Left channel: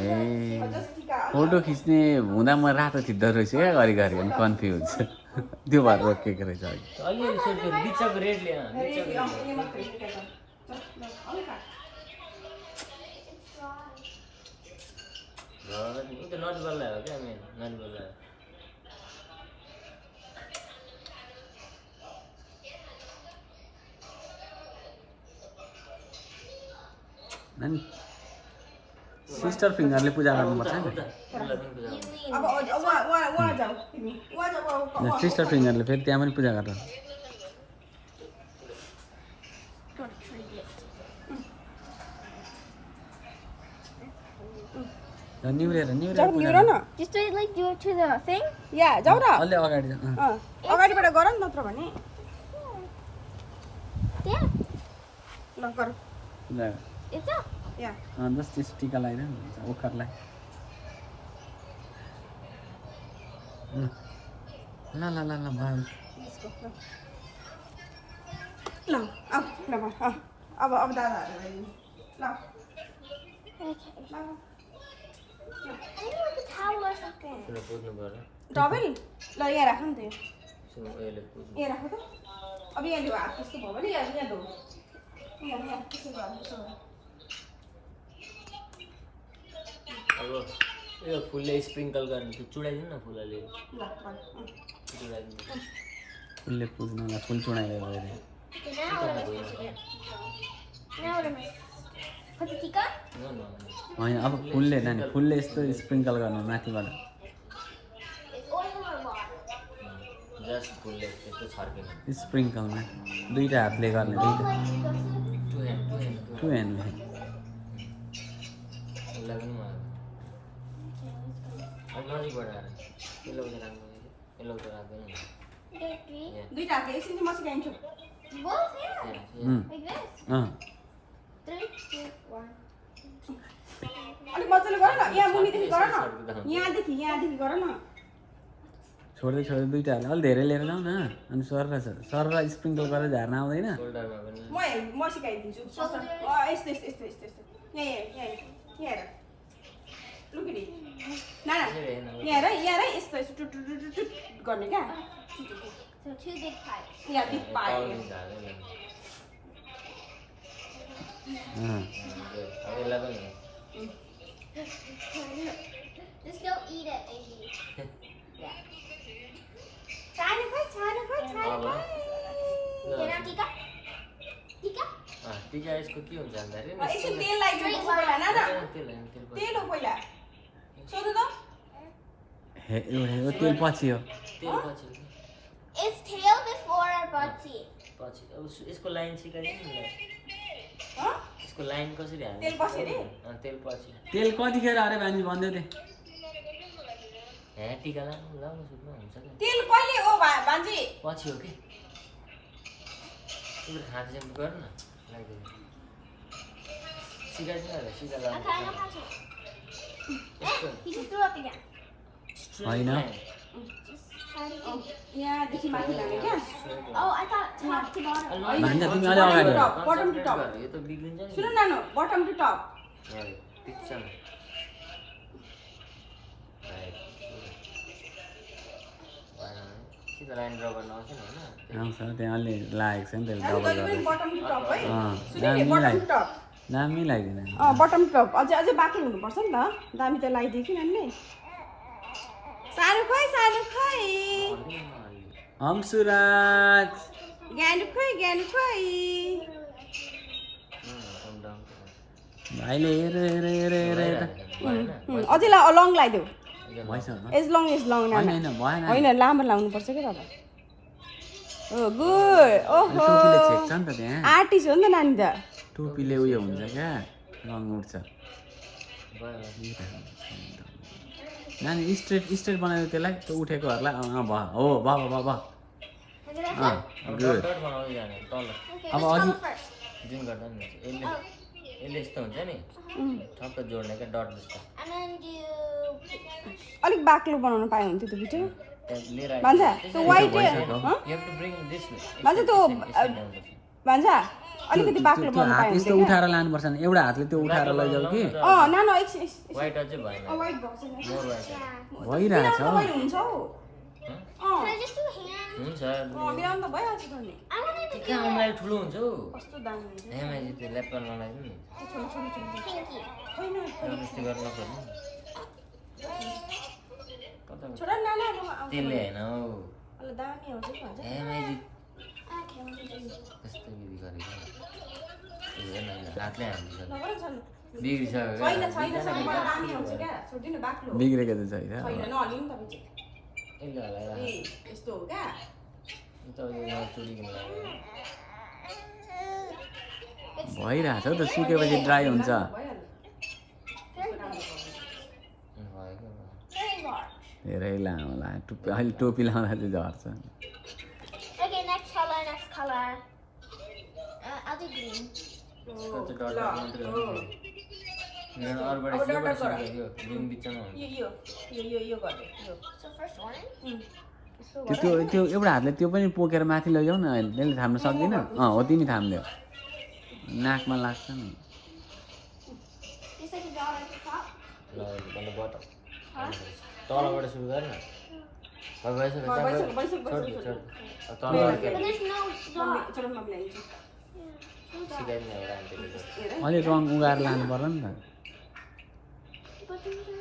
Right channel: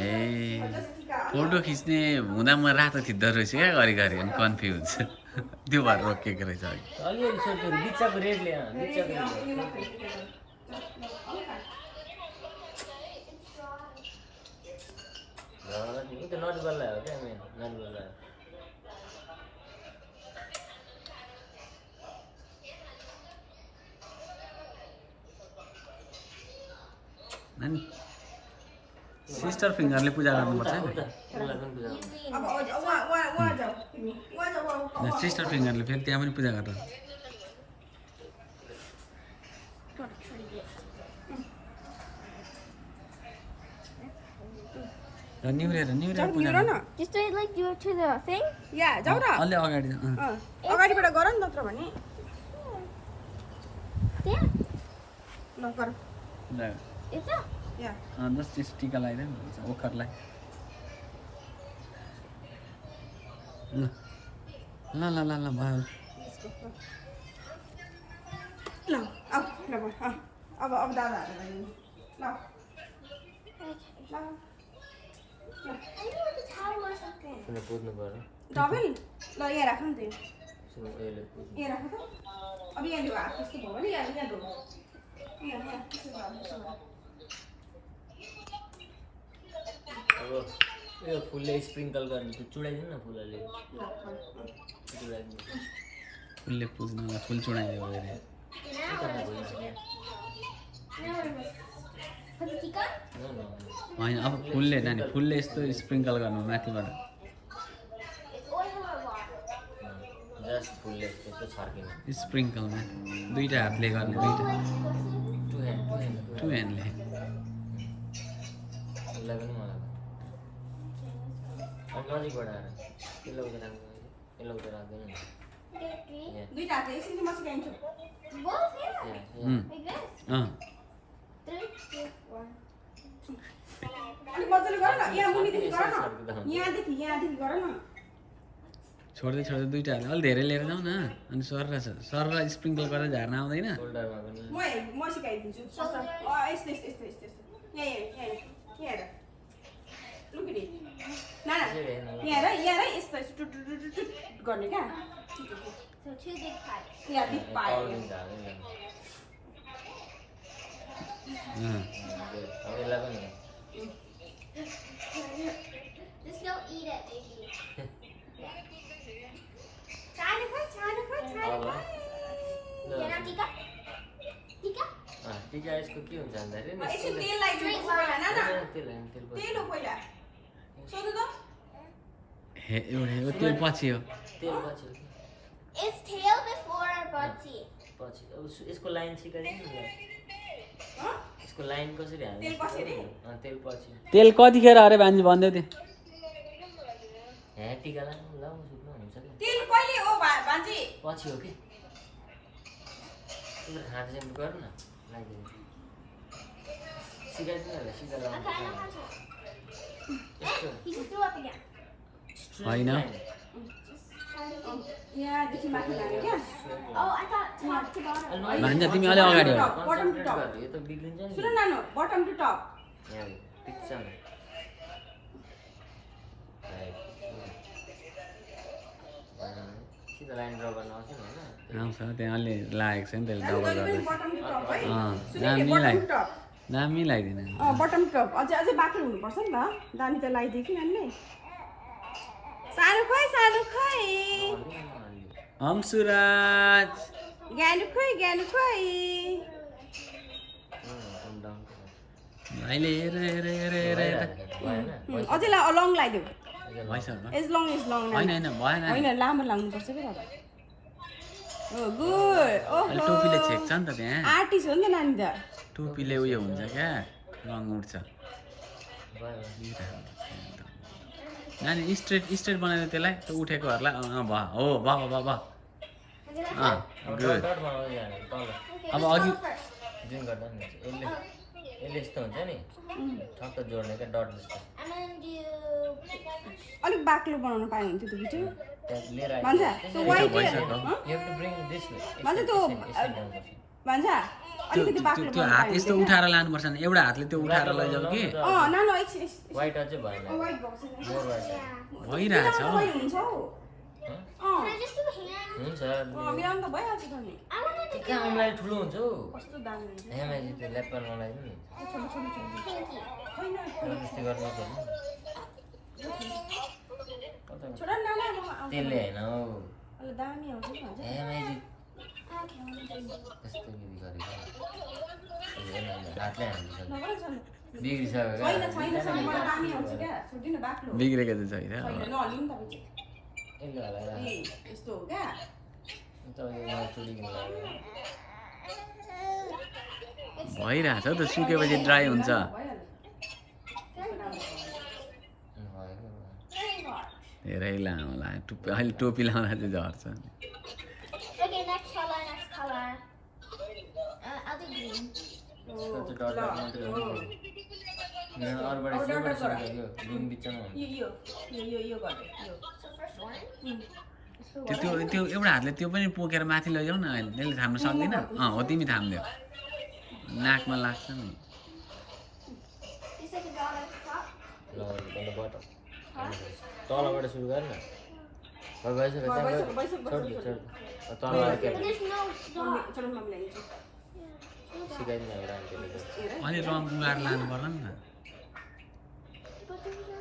ए photo खिच्ने हुँदा म रातो थिच्दो रहेछु क्या घरिघरि अनि कन्फ्युज त्यो भएर रोकिएको रहेछ अघि अलिअलि सोध्यो बिचको रेडले त नरिवल हो क्या मेन नरिवल सिस्टर फिङ्गरले पूजा गर्नुपर्छ नि सिस्टर फिङ्गरले फेरि त्यहाँ पनि पूजा गर्छ निहुरेर Just do it like do it to the thing. या जाऊ न अलि अगाडि अगाडिबाट गर न नत्र भने There. ल गर It's up. या जस्ट त्यस टिका लगाइदियो नि ओखरलाई ल ल ल ल भयो ल अब ल अब दादाहरु ल I need like a towel or something. सुन पुज्नु पर्यो डबल ल यहाँ राख नि त यो सुन यसले पुज्नु यहाँ राख त अब यहाँ ल्याऊ हात त्यस्तो भयो भने यहाँ यहाँ धो यहाँ त्यसो भयो अब यो फुलले स्प्रिङ्कल गर्ने त्यो चुडाइदिनु न फुलले चुडाइदिनु फुलले पुज्न फुल चुडाइदियो भने Put the tika. होइन अब फुलले जाने फुलले यस्तो स्प्रिङ्कल गर्नु माथिबाट It's oil or water. Just फुलले त्यस्तो छर्किनु स्प्रिङ्कलमा दुईटा हातले गर्ने Oh, दुईटा like this. Two hand two ह्यान्डले यसलाई पनि मलाई अनि नजिकबाट आएर यसलाई उता राख्नु यसलाई उता राख्दैन Okay, three. दुईटा हातले एकछिन चाहिँ म सिकाइदिन्छु Both, yeah. Like this. Three, two, one. अलिक मजाले गर न यहाँ मुनिदेखि गर न यहाँदेखि गर न छोड्दै छोड्दै दुईटा हाल्यो अलि धेरै लिएर जाउँ न अनि सर स्प्रिङ्कल गरेर झार्न आउँदैन सोल्डरमा पनि म सिकाइदिन्छु यस्तो यस्तो यस्तो यस्तो यस्तो यहाँ हेर लुकिडी ना यहाँ हेर यस्तो यस्तो टुट टुट टुट टुट गर्ने क्या So two big pipes. यहाँ बिग पाए अब यसलाई पनि Just don't eat it, baby. Yeah. Try to put. अब Get our tika. Tika. टिका यसको के हुन्छ भन्दाखेरि नि एकछिन तेल लगाइदिनु पहिला ना तेल तेल हो पहिला सोध्नु त हे एउटा यो तेल पछि हो तेल पछि Is tail before or butty? पछि अब यसको लाइन सिकाइदिनु नि यसको लाइन कसरी हाल्नु तेल पछि रे तेल पछि तेल कतिखेर अरे भान्जी भन्दै थियो हे टिका लाउनु सुक्नु हुन्छ कि तेल कहिले हो भान्जी पछि हो कि तिम्रो खाँदै चाहिँ गर न लाग्दैन सिकाइदिनु होला सिका Okay, I know लाउनु how to. He just threw up again. होइन यहाँदेखि माथि लाने क्या Oh, I thought top to bottom. भान्जा तिमी अलि अगाडि हो बटम टु टप यो त बिग्रिन्छ नि सुन नानु बटम टु टप यहाँ पिक्चर सिधा लाइन ड्र गर्न आउँछ नि होइन आउँछ त्यहाँ अलि लागेको छ नि त्यसले डबल गर्दा बटम टु टप है दामी बटम लाइ टु टप दामी लगाइदिनु बटम टप अझै बाक्लो हुनुपर्छ नि त दामी त लगाइदियो कि नानीले सानो खोइ हम्सुराज ज्ञानु खोइ भाइले हेर हेर हेर हेर हेर अझै लङ लगाइदेऊ भएछ एज लङ होइन भएन होइन लामो लाउनुपर्छ कि दादा ओ गुड ओहो टोपीले छेक्छ नि त त्यहाँ आर्टिस्ट हो नि त नानी त टोपीले उयो हुन्छ क्या रङ उठ्छ नानी स्ट्रेट बनाइदियो त्यसलाई त्यो उठेकोहरूलाई भयो हो भयो गुड डट बनाउँदै जाने तल Okay, अब let's अघि go first. जुन गर्दा नि यसले यस्तो हुन्छ नि ठक्क जोड्ने क्या डट जस्तो And then do. अलिक बाक्लो बनाउनु पाए हुन्थ्यो त्यो भिडियो त्यहाँ लिएर भन्छ त्यो वाइट भइसक्यो। You have to bring this way. भन्छ त्यो भान्जा अलिकति बाक्लो त्यो हात यस्तो उठाएर लानुपर्छ नि एउटा हातले त्यो उठाएर लैजाऊ कि नानो एकछिन वाइट अझै भएन वाइट भएको छैन मोर वाइट भइरहेछ हुन्छ हौ Can I just do a hand? हुन्छ मिलाउनु त भइहाल्छ त नि I want it to कहाँ अमलाइ ठुलो हुन्छ हौ कस्तो दामी हुन्छ हेमाइजी त्यो ल्याप्पा नलाइदिनु नि छोडो छोडो छोडो pinky. होइन जबरजस्ती गर्न नपर्नु कता छोडा नाना अब आउँछ त्यसले होइन हौ अलि दामी आउँछ नि भन्छ हेमाइजी Okay, let me do it. कस्तो विधि गरेको हेर्न हातले हालिसक्यो नगर छैन बिग्रिसक्यो छैन छैन छैन मलाई दामी आउँछ क्या छोडिदिनु बाक्लो बिग्रेको त छैन छैन नहल्नु नि तपाईँ यसले हलाएर ए यस्तो हो क्या तपाईँले नचुडिकन लाग्यो भइरहेछ हौ त सुकेपछि ड्राई हुन्छ भइहाल्छ भएको Very large. धेरै लामो लाग्यो टोपी अहिले टोपी लाउँदा चाहिँ झर्छ Okay, next color. I'll do green. त्यो डट डट मात्रै हो नि अरूबाट सिबाट सुकेको रुम बिचमा हुन्छ यो गर्दै यो So first orange. यस्तो त्यो त्यो एउटा हातले त्यो पनि पोकेर माथि लैजाऊ न अहिले त्यसले थाम्न सक्दैन हो तिमी थाम्देऊ नाकमा लाग्छ नि You said you draw it at the top. ल अन्त बट तलबाट सुरु गर न भइसक्यो छोड तल But अर्कै there's no dot. छोडो नमिलाइदिन्छु सिकाइदिनु एउटा आन्टीले गर्छ हेर अलि रङ उगाएर लानु पर्यो नि त But there's no.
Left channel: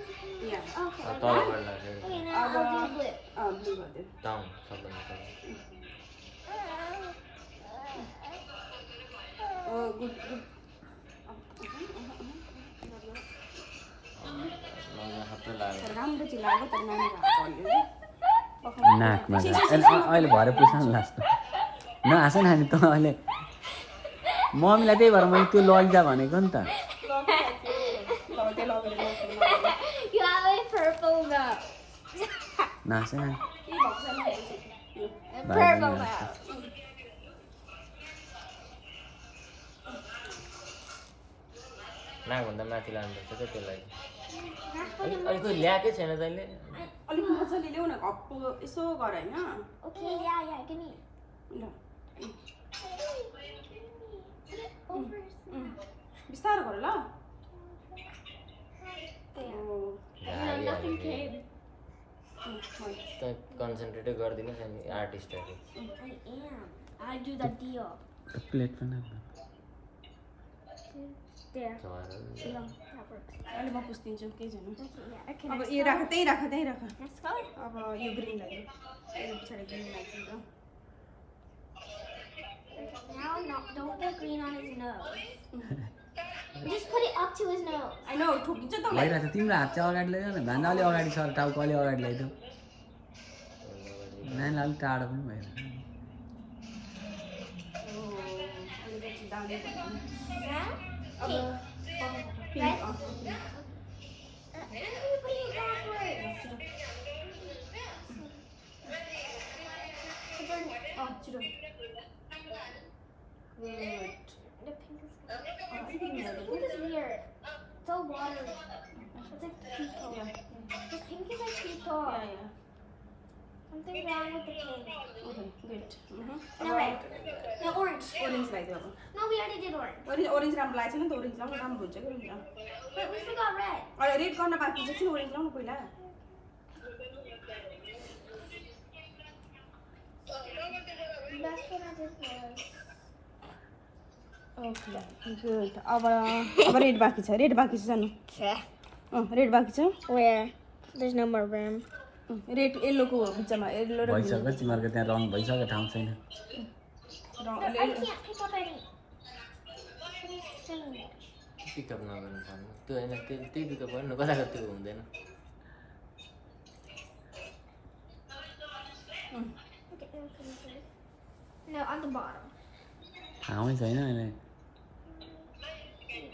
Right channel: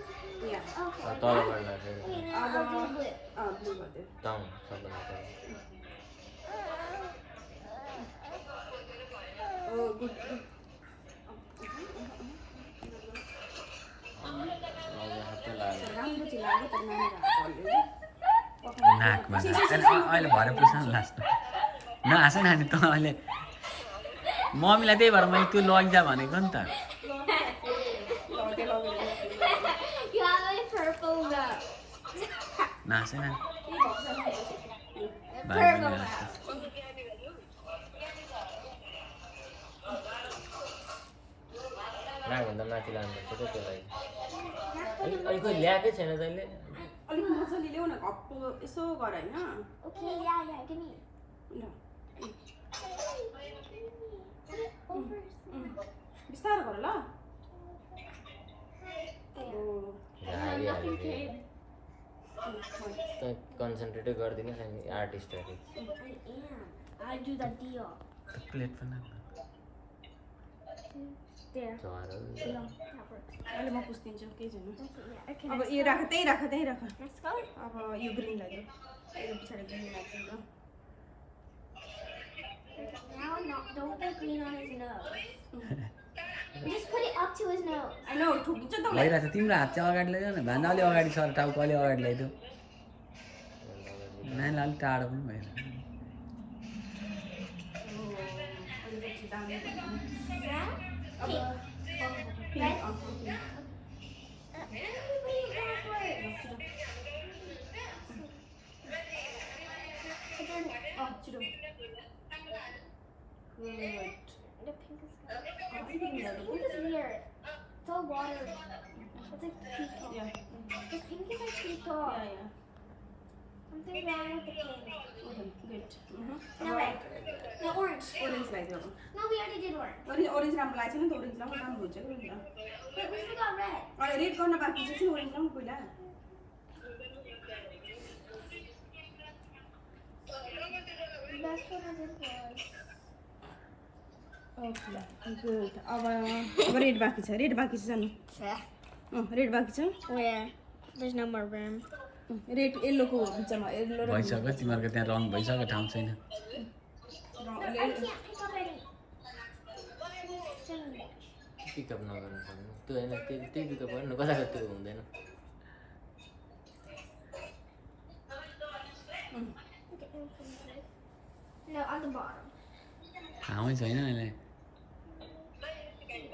यहाँ Okay. तलबाट लाग्छ Okay, now I'll do blue. Blue गरिदियो टाउन सबभन्दा तल ओ गुड गुड मजा सबै लाग्यो राम्रो चाहिँ लाग्यो तर नानी नाकमा अहिले भरे पुग्छ नि लास्ट नहाँस नानी त अहिले मम्मीलाई त्यही भएर मैले त्यो लैजा भनेको नि त You have a purple mouth. नहाँस नानी A Bye, purple Daniel. mouth. नाकभन्दा माथि लानुपर्छ क्या त्यसलाई अलिक खोइ ल्याएकै छैन तैँले अलिक मजाले ल्याउ न घप्पो यसो गर होइन Okay, yeah, give me. ल Put it over. बिस्तारो गर ल There. ओ हारिहाल्यो Nothing फेरि। came. तँ कन्सन्ट्रेटै गर्दिनस् अनि आर्टिस्टहरू I am. I do the deal. Plate पनि There. झरहरू No, that works. अहिले म पुस्दिन्छु केही छैन Okay, yeah. Okay, अब next यो color. राख त्यही राख त्यही राख Next color. अब यो ग्रिन लाग्यो यो पछाडि ग्रिन लाग्छ Now, no, don't put green on his nose. Just put it up to his nose. होइन ठोकिन्छ त उसलाई भइरहेछ तिम्रो हात चाहिँ अगाडि लैजाऊ न भन्दा अलि अगाडि सर टाउको अलि अगाडि लैजाऊ नानीलाई अलिक टाढो पनि भयो ओ, अलिकति दामी भयो नि। Yeah? अब Pink. Pink Red? अँ, You're putting it backwards. अँ, छिटो good The pink is good. अलिकति मिलाइदियो। Pink is weird. It's all water. It's like peacock. Yeah. The pink is like Yeah, peacock. yeah. Something wrong with the pink. Okay, good. No red. No orange. Orange लगाइदियो अब No, we already did orange. Orange राम्रो लागेको छैन नि त orange लाउनु राम्रो हुन्छ क्या orange Wait, we forgot red. अहिले रेड गर्न बाँकी छ कि ओरेन्ज लाउनु पहिला That's what I did was. Okay good अब रेड बाँकी छ रेड बाँकी छ जानु रेड बाँकी छ Where? There's no more room. Red येल्लोको बिचमा येल्लो र भइसक्यो तिमीहरूको त्यहाँ रङ भइसक्यो ठाउँ छैन I can't pick up any. Pickup नगर्नु पर्नु त्यो होइन त्यही पिकअप गर्नु कता कता त्यो हुँदैन No, on the bottom. ठाउँै छैन अहिले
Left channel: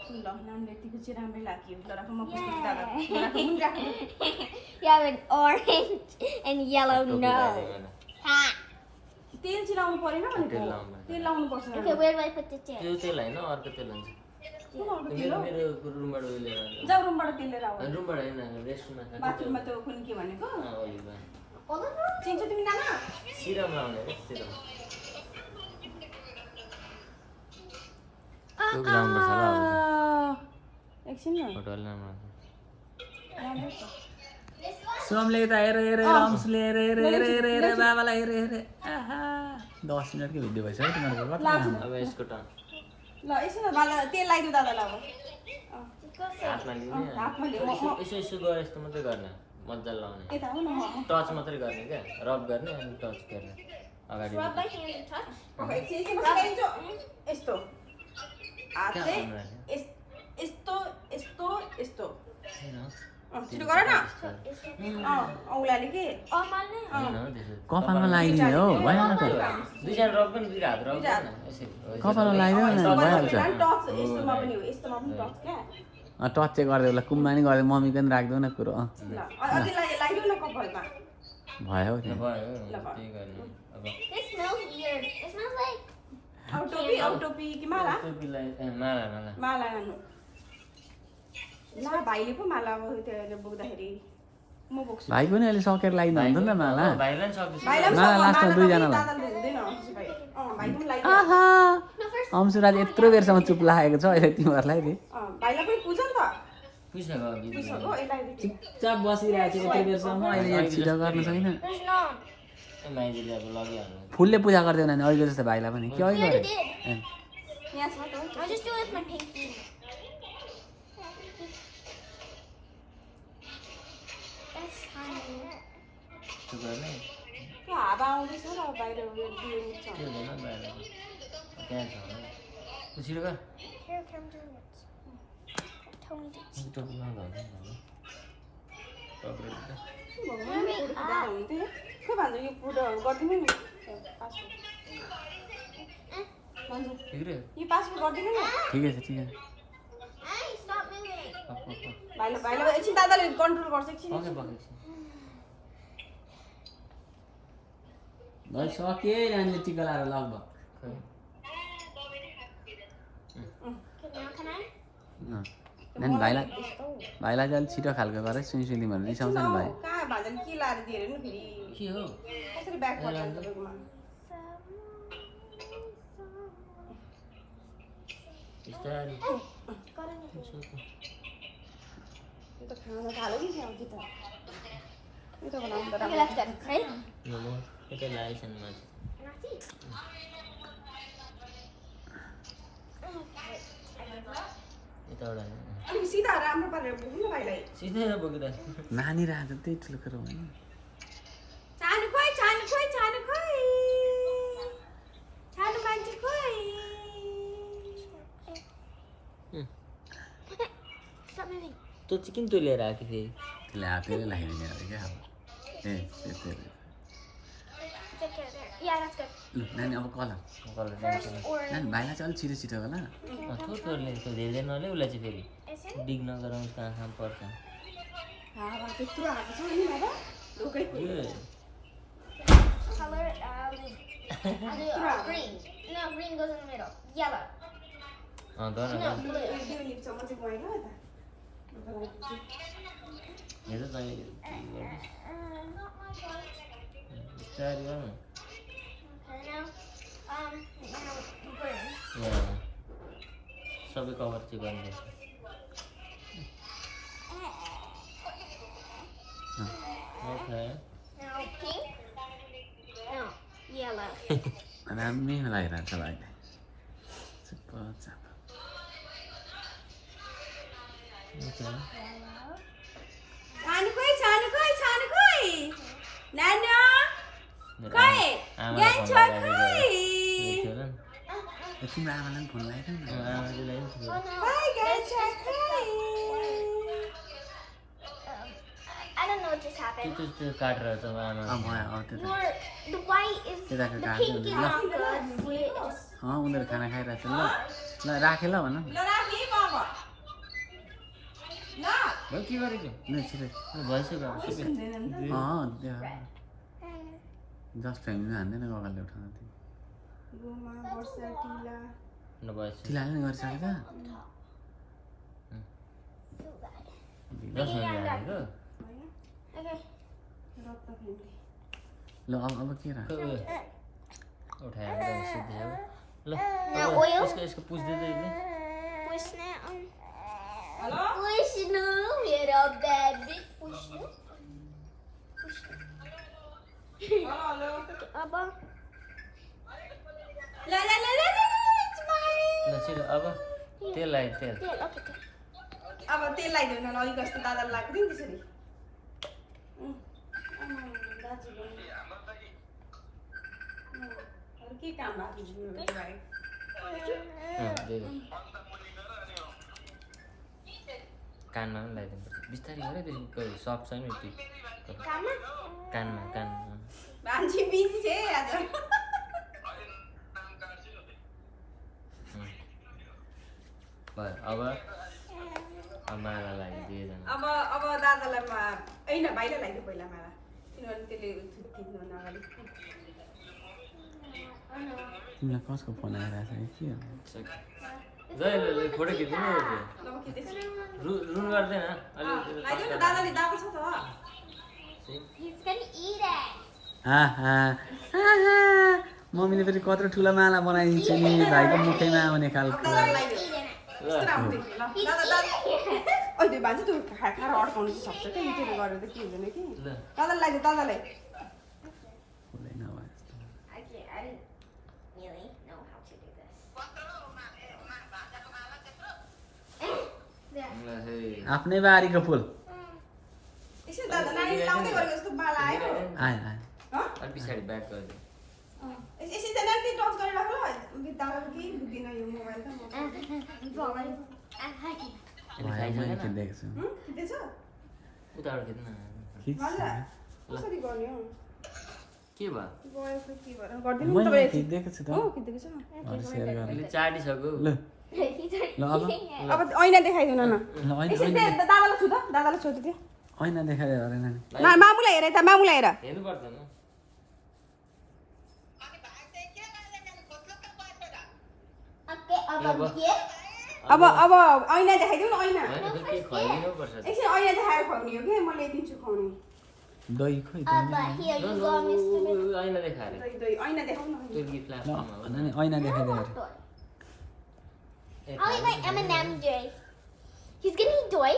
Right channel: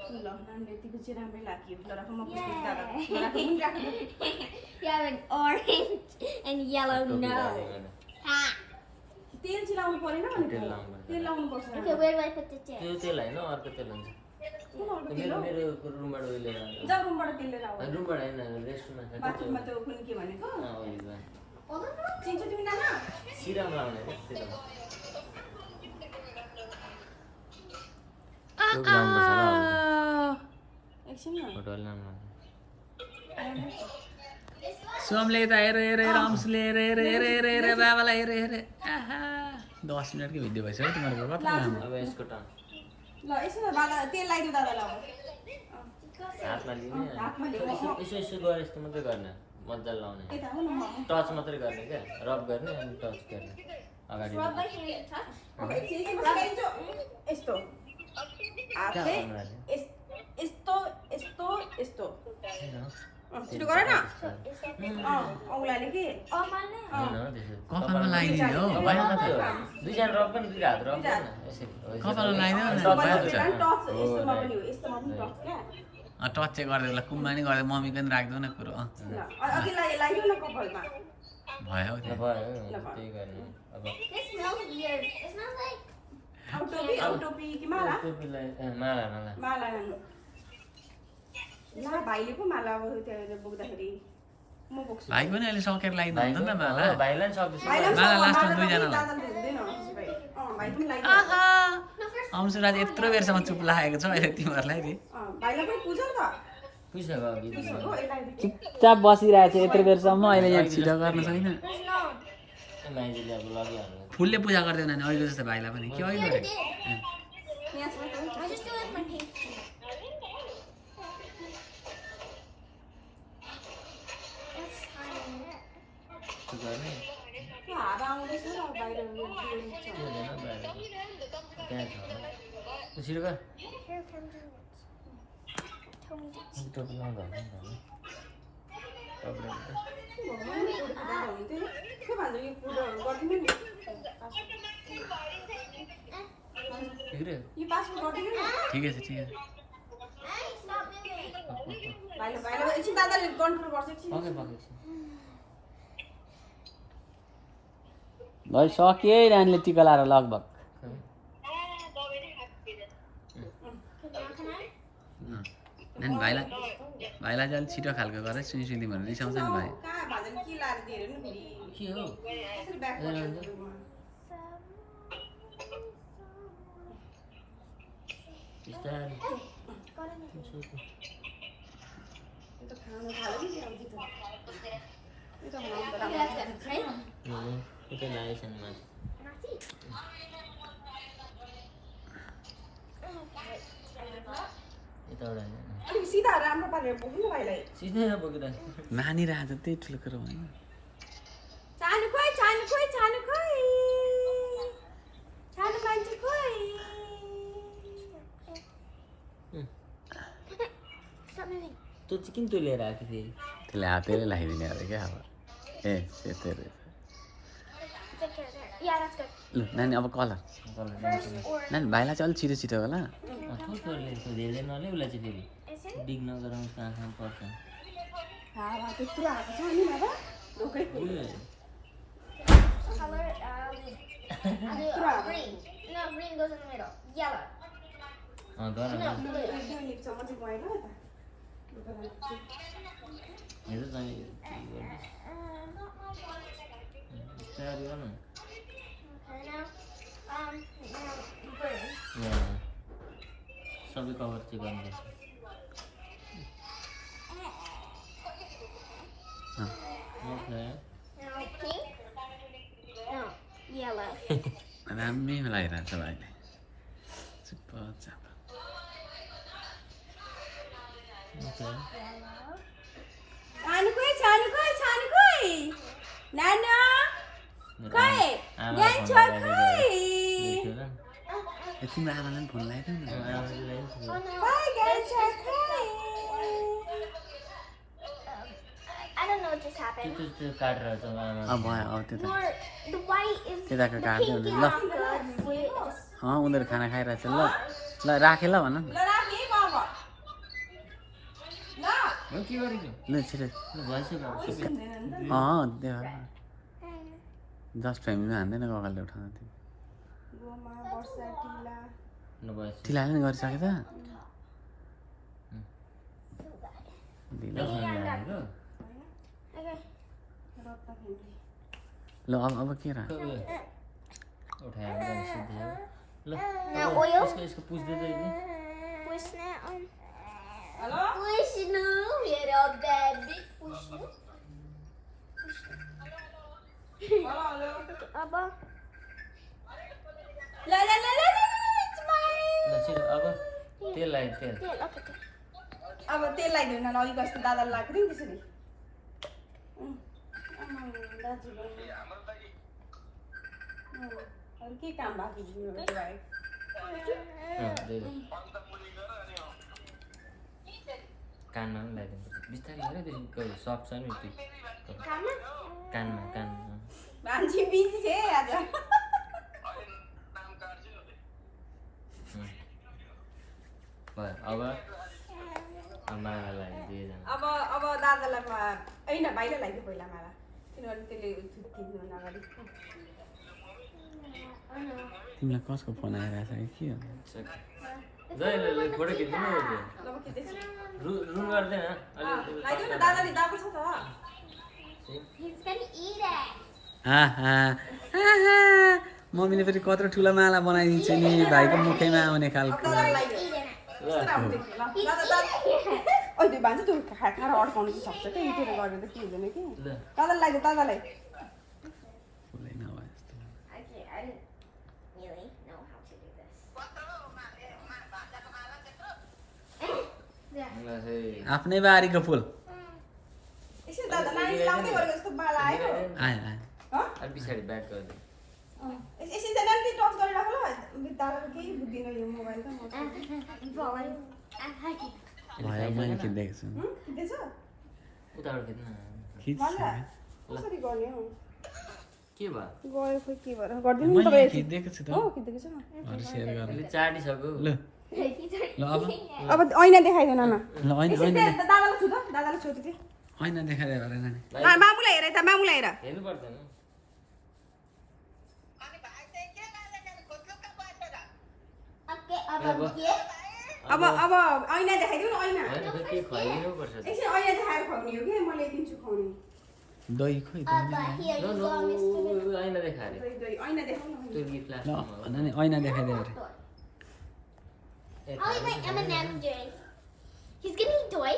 ल नानीले यतिको चाहिँ राम्रै लाग्यो ल राख म पुस्तक दादा ल राख मुनि राख You have an orange and yellow टोपी nose. लगाइदियो मैले। Ah. तेल चाहिँ लाउनु परेन भनेको तेल लाउनु पर्छ। तेल लाउनु पर्छ Okay, where do I put the tip? त्यो तेल होइन अर्को तेल हुन्छ कुन अर्को तेल मेरो हो मेरो रुमबाट उहिले जाऊ रुमबाट तेल लिएर आऊ रुमबाट होइन रेस्टुरेन्टमा छ बाथरुममा त कुन के भनेको ओलिभा Olive oil? चिन्छ तिमी नाना सिरम लाउने अरे सिरम लाउनुपर्छ होला अब एकछिन न फोटो अलि राम्रो आउँछ। सोमले त हेर हेर हेर अंशले हेर हेर हेर हेर हेर बाबालाई हेर हेर आहा 10 मिनटकै भिडियो भइसक्यो तिमीहरूको कति लामो अब यसको टर्न ल यसो न बाबा तेल लगाइदिउ दादालाई अब हातमा लिने हातमा लिऊ यसो यसो यसो गरे यस्तो मात्रै गर्ने मजाले लाउने यता हो न टच मात्रै गर्ने क्या रब गर्ने अनि टच गर्ने अगाडि Rub my hand and touch. अब एकछिन एकछिन बसिदिन्छु यस्तो हातले कहाँ गर्नु अहिले? यस्तो यस्तो यस्तो होइन छिटो गर न Is औँलाले के oh my name? होइन हो त्यसो कपालमा लगाइदिने हो कपालमा मात्रै हो दुईजना रब पनि दुईटा हात रब गर्ने यसरी हो, यसरी कपालमा रब। लगाइदियो अनि नि, टच मजा मात्रै आउँछ। गर्ने। टच हो, यस्तोमा right. पनि हो यस्तोमा पनि टच क्या टच चाहिँ गरिदियो ल कुममा नि गरिदियो मम्मीको नि राखिदेऊ न कुरो ल अझै लगाइदिउ न कपालमा भयो ल त्यहाँ। भयो त्यही गर्ने अब This smells weird. It smells like अब टोपी कि माला टोपीलाई ए, माला माला माला लानु ला भाइले पो माला अब त्यहाँ बोक्दाखेरि म बोक्छु भाइ पनि अहिले सकेर लगाइदिनु भाइको हुँदैन हो, माला भाइलाई पनि सक्दैछ भाइलाई पनि माला लास्टमा माला दुईजना पनि दादाले हुँदैन त्यसो भए भाइको पनि लगाइदिउ आहा no first. अंशुराज यत्रो बेरसम्म चुप लागेको छ अहिले तिमीहरूलाई नि भाइलाई पनि पूजा नि त पुगिसक्यो गीत पूजा हो यसलाई चुपचाप बसिरहेको छ यत्रो बेरसम्म अहिले यहाँ छिटो गर्न छैन There's no. ए माइजीले अब लगिहाल्नु फुलले पूजा गर्दैन नि अहिलेको जस्तो भाइलाई पनि के अघि You already गरे did. यहाँ छ त I just do it with my pinky. That's fine. यस्तो गर्ने त्यो हावा आउँदैछ र बाहिर उयो दिएको छ त्यो हुँदैन बाहिरको त्यहाँ छ होला उ छिटो गर Here comes your nuts. Tell me this. टोपी लाउँदा हुन्छ नि त टोपी के भन्छ यो फुटहरू गरिदिनु नि ठिक रे यो पासपोर्ट गरिदिनु नि ठिकै छ ठिकै छ Hey, stop moving. भाइलाई एकछिन दादाले कन्ट्रोल गर्छ एकछिन पके पके भइसक्यो है नानीले टिका लाएर लगभग Can I? नानी भाइलाई चाहिँ अलिक छिटो खालको गरेर सुनि भनेर रिसाउँछ नि भाइ कहाँ भन्छ नि के लाएर दिएर नि फेरि के हो कसरी ब्याक पर्छ बिस्तारै Got it. यो त खाना थाल्यो कि क्या कि त यो त बनाउनु त Okay, that's good. Right? Momo यता लागेछन् माथि Natty. यताबाट अलिक सिधा राम्रो पारेर बोक्नु न भाइलाई सिधै नबोकिँदा नानी र आज त्यही ठुलो कुरो होइन चानु खोइ चानु खोइ चानु खोइ चानु मान्छे खोइ Stop moving. तँ चाहिँ किन तँ लिएर आएको फेरि त्यसले हातैले लगाइदिने अरे क्या अब ए त्यस्तो अरे। Take care there. Yeah, that's good. लु नानी अब कलर कलर First or नानी भाइलाई चाहिँ अलिक छिटो छिटो होला थोरले त्यो धेरै नले उसलाई चाहिँ फेरि is it? डिग नगराउँ कहाँ कहाँ पर्छ हावा त्यत्रो आएको छ नि बाबा ढोकै Color I'll do green. No, green goes in the middle. Yellow. गर No, blue. त्यो निप्छ म चाहिँ गएन यता हेर तैँले Not my fault. बिस्तारै गर्नु Okay, now green. यहाँ सबै कभर चाहिँ गर्नुपर्छ okay Now pink. No, yellow. राम्रै लगाइरहेको छ भाइले चुप्प चाप ओके Yellow. चानु खोइ चानु खोइ चानु खोइ नाना खोइ यहाँ छ खोइ ए तिम्रो आमालाई पनि फोन लगाइदेऊ न Oh no. खोइ यहाँ छ खोइ I don't know what just happened. त्यो काटेर चाहिँ आमा अब भयो अब त्यो त Your the white is त्यताको the काट्यो pink भने is ल not good. We just उनीहरू खाना खाइरहेको छ ल ल राखेँ ल भन ल राख्ने बाबा ल भयो के गरेको ल छिटो ल भइसक्यो अब सबै हुँदैन नि त त्यो जस्ट फ्यामिलीमा हान्दैन गगलले उठाउन त्यो गोमा वर्षा टिला ल भइसक्यो टिलाले नि गरिसके त do that. दिनु। दस मिनट लागेको Okay. रत्न फ्यामिली ल अब के राख उयो उठाएर सिद्धि ल Now अब oil. यसको पुछ्दै त यसले push now. Hello? Push now, little baby. Push now. Push now. Hello. Abba. La, it's mine. ल छिटो अब तेल लाग्यो तेल Tail, okay, tail. अब तेल लगाइदेऊ न अलिक जस्तो दादालाई लाग्यो नि त्यसरी दाजु अरू के काम बाँकी छ मेरो बारे त्यही हो। कानमा पनि लगाइदिनुपर्छ बिस्तारै गर त्यसको सफ्ट छ नि त्यो Come on. कानमा कानमा मान्छे बिजी छ है आज भयो अब माला लाग्यो दुईजना अब दादालाई होइन भाइलाई लगाइदियो पहिला माला किनभने त्यसले थुत्किनु अगाडि तिमीलाई कसको फोन आइरहेको छ कि के हो जहिले फोटो खिच्नु अब खिच्दैछु रुन गर्दैन लगाइदियो न दादाले दाबा छ त He's gonna eat it. मम्मीले फेरि कत्रो ठुलो माला बनाइदिन्छ नि भाइको मुखैमा आउने अब खालको दादालाई लगाइदियो Eating it. कस्तो राम्रो देख्यो ल He's दादा eating it. त्यो भान्जा त्यो खाएर अड्काउनु चाहिँ सक्छ क्या त्यसले गरेर त के हुँदैन कि ल दादालाई लगाइदियो दादालाई फुलै नभए I didn't really know how to do this. There. ल फेरि आफ्नै बारीको फुल यसो दादा नानीले लाउँदै गरेको जस्तो माला आयो आयो आयो अलि पछाडि ब्याक गरिदियो यसरी त नानी टच गरेर राख्नु दादाको केही बुझ्दिनँ यो मोबाइल त I'm falling. I like it. भयो मैले खिच्दैछु छु खिच्दैछ उताबाट खिच्न खिच मजा कसरी गर्ने हौ के भयो गयो खोइ के भएर गरिदिनु नि मैले तपाईँ खिच्दैको छु त हो खिच्दैको छ अरू सेयर यसले गर्ने चाटिसक्यो ल He's ल अब eating it. अब ऐना देखाइदिनु न ल ऐना यसरी ऐना दादालाई छु त दादालाई सोध्नु थियो ऐना देखाइदियो अरे नानी मामुलाई हेर त मामुलाई हेर हेर्नु पर्दैन Okay, Apa? अब ऐना देखाइदिउ न ऐना होइन फेरि केही खुवाइदिनु पर्छ एकछिन ऐना देखाएर खुवाउने हो कि म ल्याइदिन्छु खुवाउने दही खोइ त Abba, here you go, Mr. ऐना देखाएर दही दही ऐना देखाउन त्यो गिफ्ट ल लास्टमा नानी ऐना देखाइदियो अरे I like my M&M Jay. He's gonna eat toy.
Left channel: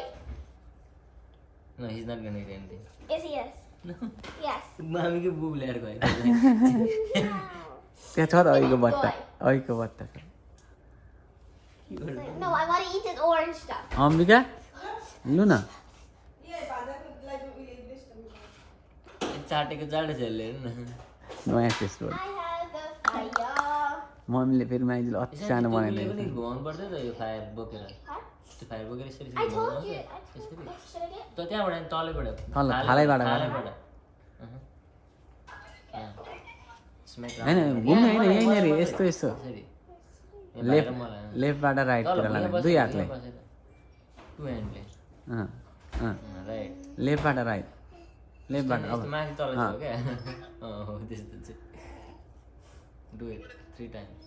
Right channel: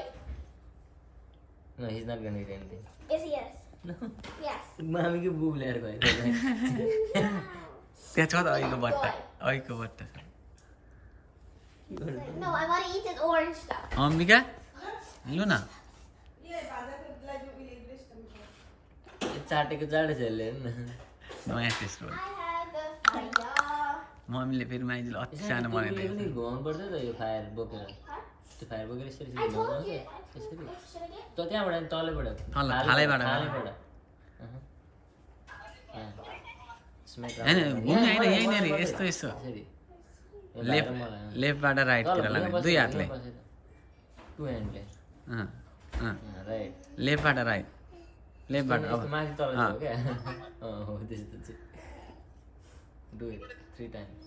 No, he's not gonna eat anything. Yes, he is. No. Yes. मामीको बुब ल्याएर गयो त्यहाँ छ त अघिको बट्टा अघिको बट्टा छ No, I want to eat this orange stuff. Ambika लु न चाटेको चाटो छ यसले हेर्नु न नयाँ टेस्ट हो I have the fire. मम्मीले फेरि माइजूले अति सानो पनि बनाइदिएको घुमाउनु पर्छ त यो फायर बोकेर Huh? त्यो फायर बोकेर यसरी I घुमाउनु told पर्छ you. यसरी Should I get? त त्यहाँबाट नि तलैबाट तल, थालैबाट थालैबाट यहाँ। Smack down। होइन घुम्नु होइन यहाँ, यहीँनिर मलाई यस्तो यस्तो यसरी। यो लेफ्ट बाहिर मलाई, लेफ्टबाट तल राइटतिर भुइँमा लाने बसेर, दुई भुइँमा हातले बसेर। Two handले। अँ, अँ। राइट लेफ्टबाट राइट लेफ्टबाट यस्तो अब माथि तल अँ। छ क्या हो त्यस्तो चाहिँ do it 3 times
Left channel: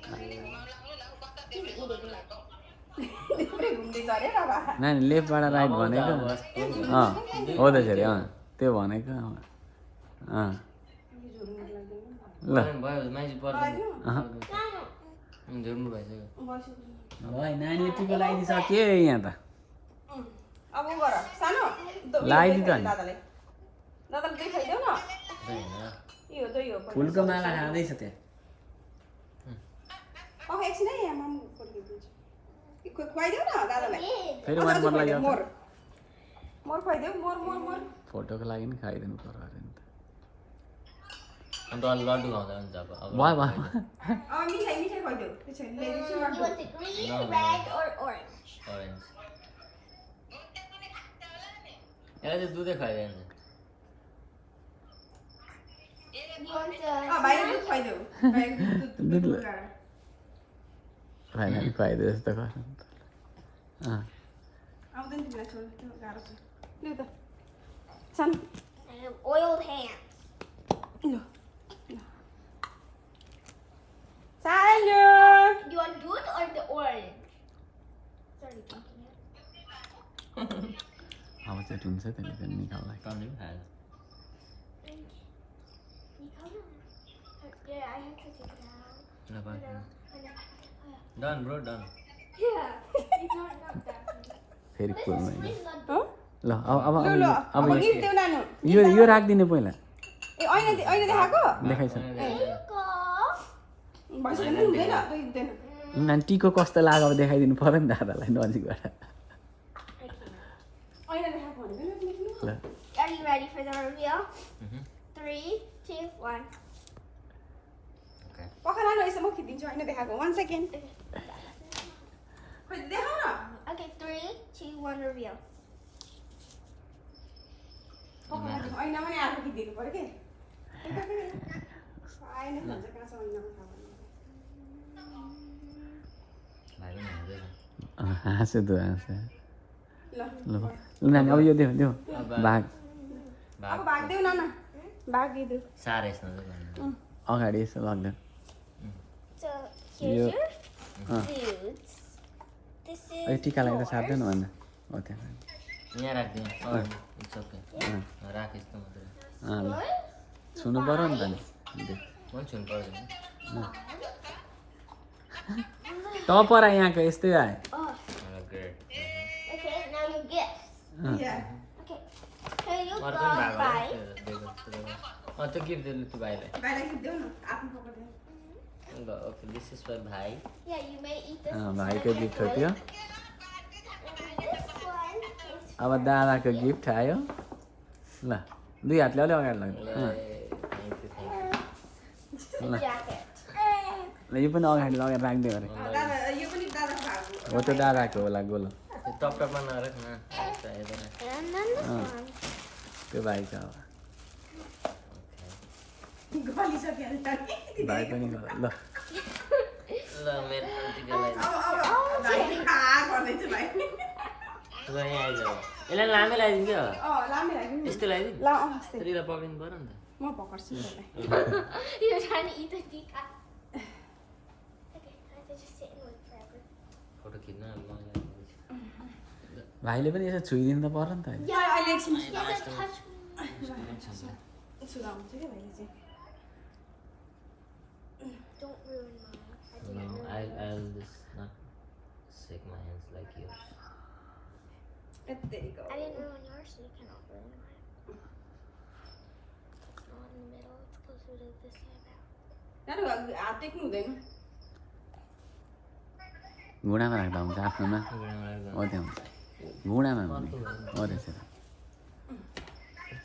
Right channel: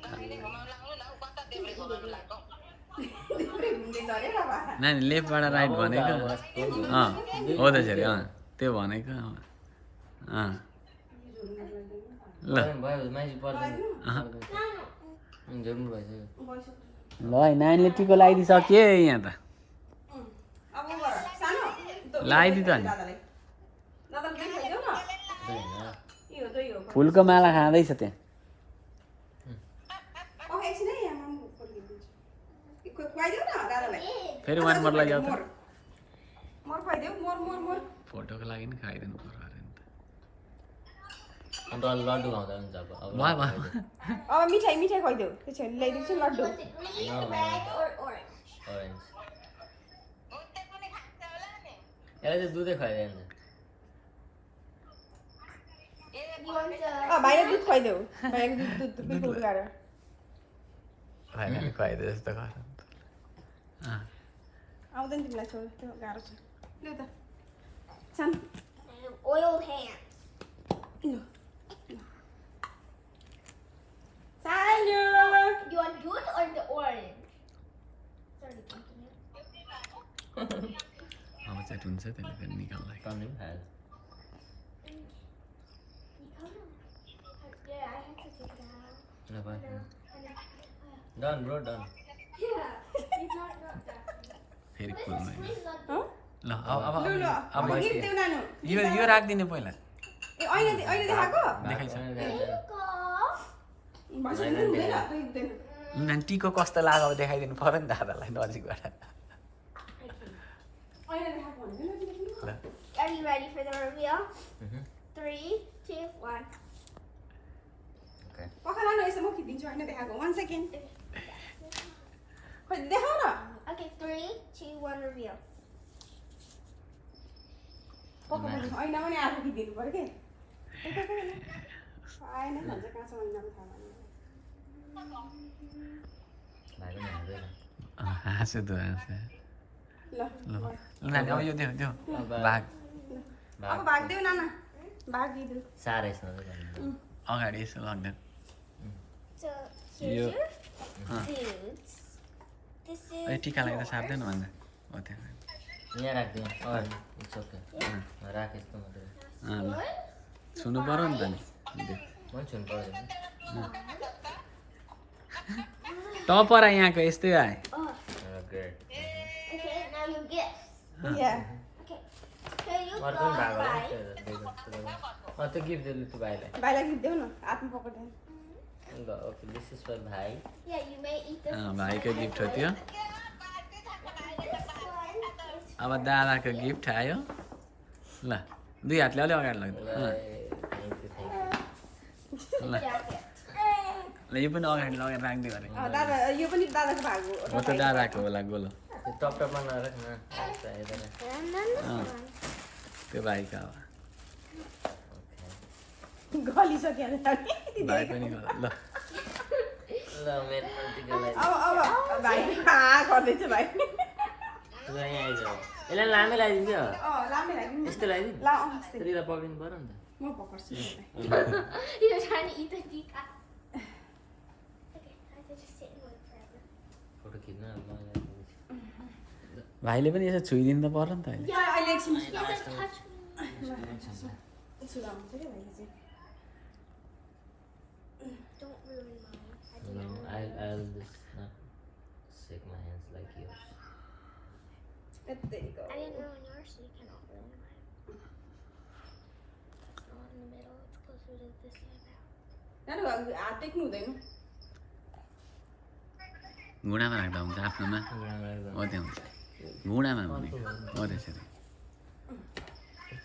He's eating it. घुम्दैछ अरे बाबा नानी लेफ्टबाट राइट भनेको अँ हो त फेरि अँ त्यो भनेको अँ ल भयो माइजी पर्दैन अहँ। झुक्नु भइसक्यो ल है नानीले टिको लगाइदिइसक्यो यहाँ त अब उ गर सानो लगाइदिइ त नि। दादालाई देखाइदेऊ न होइन यो त यो फुलको माला खाँदैछ त्यहाँ एकछिन है यहाँ मामु फर्किदिन्छु खुवाइदेऊ न दादालाई Did. फेरि वान मोर लाग्यो मोर मोर खुवाइदेऊ मोर मोर मोर फोटोको लागि नि खाइदिनु पर्यो अरे नि त अन्त अलि लड्डु खाउँदा हुन्छ अब वाह वाह अब मिठाई मिठाई खुवाइदेऊ त्यसो भने ल्याइदिन्छु You laddu want the green, No, no. red, or orange? Orange यसलाई चाहिँ दुधै खुवाइदिन्छ You want the भाइले दुध खुवाइदेऊ भाइको दुध पिठो उगाएर नानीले खुवाइदियो जस्तो गर्नु अँ आउँदैन तिमीलाई छोड त्यो गाह्रो छ लु त सानो oiled hands? लु सानो You want dude or the orange? Sorry, thinking it. अब चाहिँ हुन्छ त्यसले पनि निकाल्दा टन्नै पनि खाएछ Yeah, I have to take it out. ल भयो And then Done, bro, done. Yeah. It's not that. फेरि This खोल्नु is really not हो? ल अब लु लु अब गिफ्ट देऊ नानु यो राखिदिने पहिला ए ऐना देखाएको देखाइछ There you go. भइसक्यो नि हुँदैन दुई हुँदैन नानी टिको कस्तो लाग्यो अब देखाइदिनु पऱ्यो नि दादालाई नजिकबाट ऐना देखाएको भनेको नि Are you ready for the reveal? Mhm. 3, 2, 1. Okay. पखा लानु यसो म खिचिदिन्छु ऐना देखाएको 1 सेकेन्ड खोइ देखाउ न Okay, 3, 2, 1, reveal. ऐना पनि आफू खिचिदिनु पर्यो के आएन भन्छ कहाँ छ ऐनामा थाहा भएन भाइ पनि हाल्दैन। हाँस्यो त हाँस्यो ल ल नानी अब यो देऊ देऊ अब भाग अब भाग देऊ नाना भाग दिदु साह्रै यसमा चाहिँ भन्नु। अगाडि यसो लग्दैन So, here's Yeah. your foods. This is ए टिका लाग्दा yours. साप्दैन भन्दा हो त्यहाँ यहाँ राखिदिउँ। It's okay. राख यस्तो मात्रै। Yours. छुनु पऱ्यो नि त नि देऊ। मैले छुनु पर्दैन। त पर यहाँको यस्तै आयो Oh, great. okay, now you guess. Yeah Okay. Here you अर्को go, पनि भएको होला bye. नि त्यो गिफ्ट दिनु त्यो भाइलाई। भाइलाई गिफ्ट देऊ न आफ्नो पकेट ल ओके दिस इज फर भाइ। Yeah, you may eat this. भाइको गिफ्ट हो त्यो This one is अब दादाको गिफ्ट आयो ल दुई हातले अलि अगाडि लाग्दैन थ्याङ्क यू। ल jacket. ल यो पनि अगाडि लगेर राखिदियो अरे दादा यो पनि दादाको भाग हो त दादाको होला गोलो त्यो टप टपमा नराख न। यता And then this Oh. one. त्यो भाइको अब ओके। गलिसक्यो नि भाइ पनि गोलो ल ल मेरो टिकालाई अब भाइ कहाँ गर्दैछ भाइ ल यहाँ आइजाऊ। यसलाई लामै लगाइदिउँ क्या? लामै लाग्यो यस्तो लगाइदिउँ? ला अस्ति तर यसलाई पक्रिनु पऱ्यो नि त। म पकड्छु नि You're trying to eat the peacock. Okay, I have to just sit and wait forever. Photo खिच्न अब म लगाइदिन्छु। भाइले पनि यसो छोइदिनु त पर्यो नि त अहिले या अहिले एकछिन You have to touch me. सुलाउँछ क्या भाइले चाहिँ Don't ruin mine. I No, didn't ruin I'll just not shake my hands like yours. यत्तिको I didn't ruin yours, so you cannot ruin mine. It's not in the middle, it's closer to this side out. नानु हात टेक्नु हुँदैन घुँडामा राख्दा हुन्छ आफ्नोमा हो त्यहाँ हुन्छ घुँडामा भने हो त्यसरी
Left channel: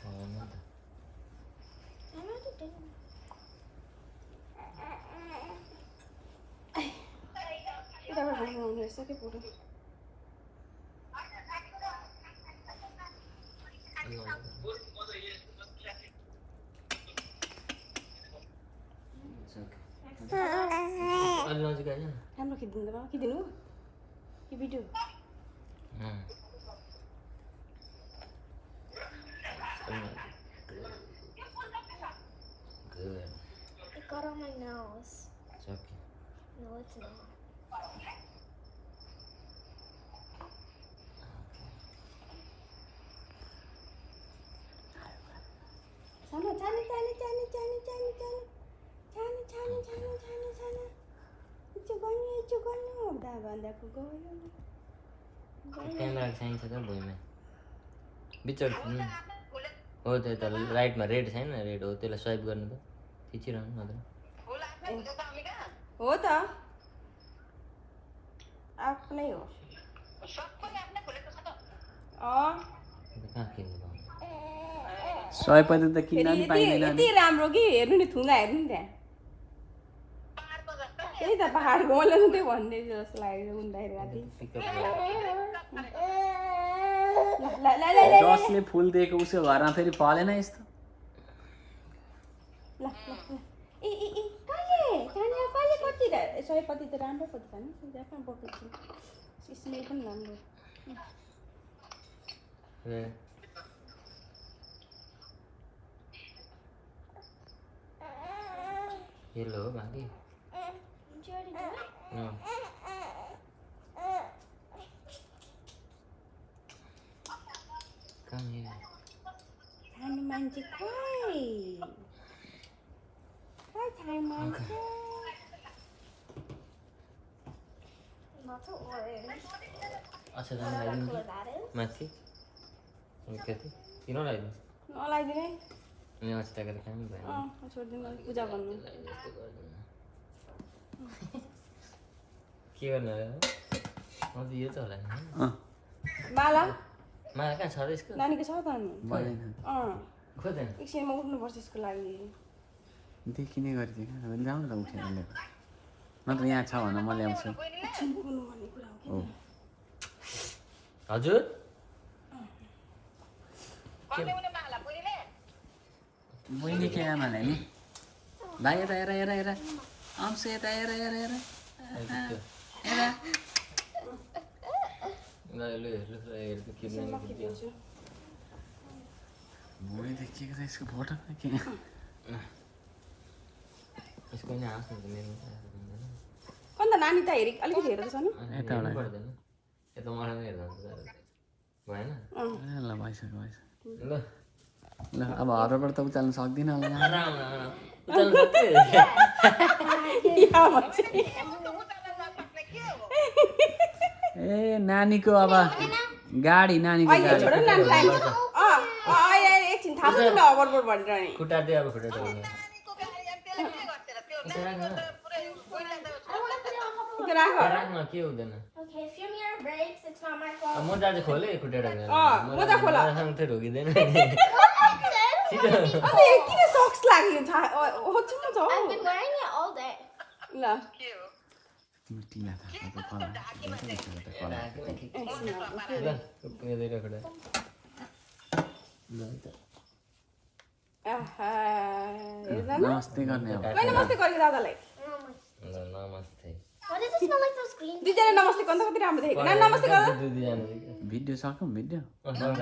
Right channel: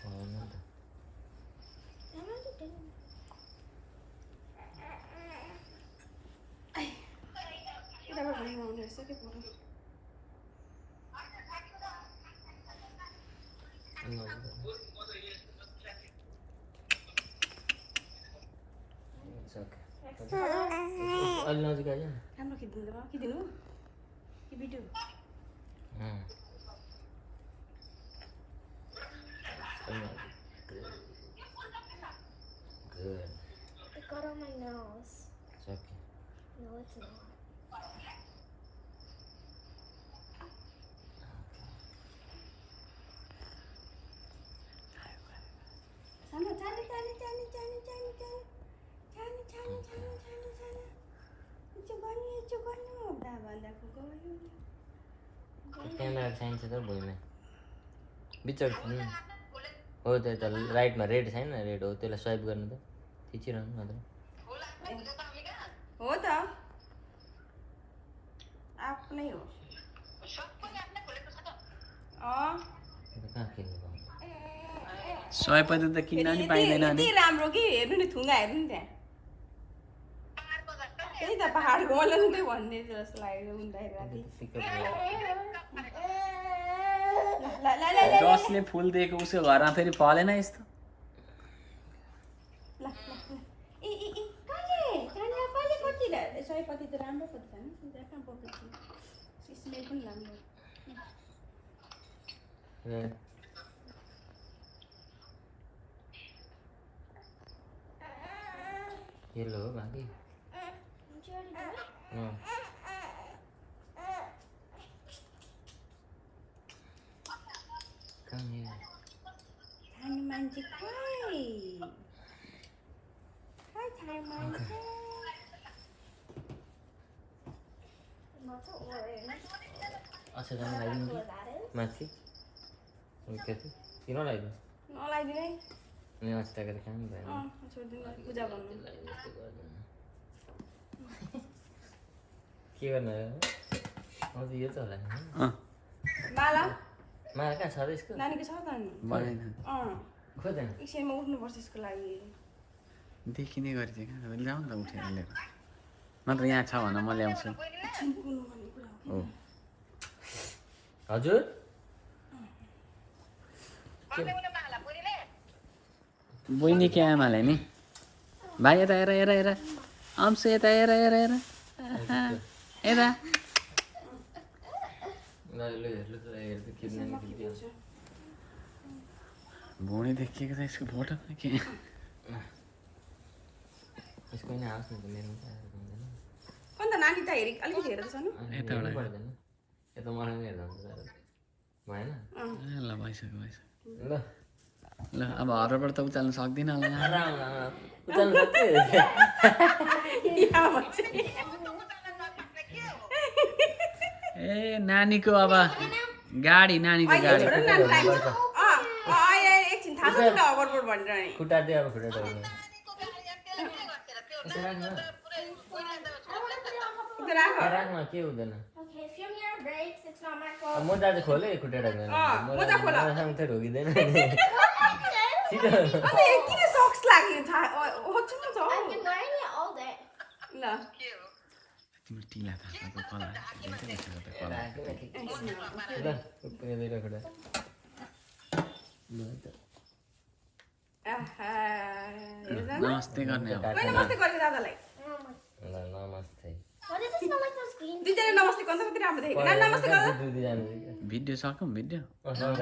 भएन नि त। I already did. यताबाट राख्नु हुने रहेछ कि फोटो It's okay. अलि नजिक आइज न। राम्रो खिचिदिनु त खिचिदिनु कि भिडियो अलि नजिक। Good. It got on my nose. It's okay. No, it's not. जानु जानु जानु जानु जानु जानु जानु जानु जानु जानु जानु जानु इचो गन्यो दा भन्दाको गयो क्यामेरा चाहिन्छ त भुइँमा बिचर हो त्यो त राइटमा रेड छैन रेड हो त्यसलाई स्वाइप गर्नु त खिचिरहनु नत्र हो त आफ्नै हो कहाँ किन्नु पाउँछ 100 त किन्न नि पाइँदैन नि यति राम्रो कि हेर्नु नि थुङ्गा हेर्नु नि त्यहाँ त्यही त पहाडको मैले पनि त्यही भन्दै थियो जस्तो लाग्यो उन्दाखेरि राति पिकअप ल ल ल ल जसले फुल दिएको उसको घरमा फेरि फलेन यस्तो ल ए ए ए कहिले कति सयपत्ती त राम्रो पत्ती छ नि जहाँ पत्ती स्मेल पनि राम्रो येलो हो बाँकी Did you already do it? Come here. खाने मान्छे खोइ खाने मान्छे Lots of orange. अच्छा I जाने don't know what लगाइदिनु color that is. माथि कति किन लगाइदिनु नलाइदिने अनि अस्ति तक खानु भएन छोडिदिनु पूजा भन्नु यस्तो गर्दैन के गर्नु अब यो त होला नि माला माला कहाँ छ र यसको नानीको छ त नि भएन खोज्दैन एकछिनमा उठ्नुपर्छ यसको लागि देखिने गरी चाहिँ कहाँ ल्याउ न त उठेर ल्याएको नत्र यहाँ छ भने म ल्याउँछु एकछिन पुग्नु भन्ने कुरा हो हो हजुर बहिनी के आमालाई नि भाइ यता हेर हेर हेर अंश यता हेर हेर हेर यता भुँडी देखिएको छ यसको फोटो के यसको नि आओस् न त मेरो अन्त नानी त हेरि अलिकति हेरेको छ नि यताबाट पर्दैन यता मलाई पनि हेर्दा हुन्छ भएन ल भइसक्यो भइसक्यो ल ल अब हरबाट त उचाल्नु सक्दिनँ होला उचाल्नु सक्छ ए नानीको अब गाडी नानीको गाडी एकछिन थाहा छैन अबरबोर्ड भनेर नि खुट्टा दियो अब खुट्टा I want to put it on top of राख राख्न के हुँदैन Okay, if your mirror breaks, it's not my fault. म दाजु खोले खुट्टा राख्दैन मोजा खोल। मसँग चाहिँ ढोकिँदैन I've किन सक्स लाग्यो थाहा होच्छु म त been wearing it all day. ल तिम्रो टिला थाहा कला धेरै भइसक्यो त कला ल उक्किँदैन खुट्टा आहा नमस्ते गर्ने अब नमस्ते गरेको दादालाई ल नमस्ते Why does it smell like those green? दुईजना नमस्ते गर्दा कति राम्रो देखेको नमस्ते गर दुईजना भिडियो सकौँ भिडियो सक्छ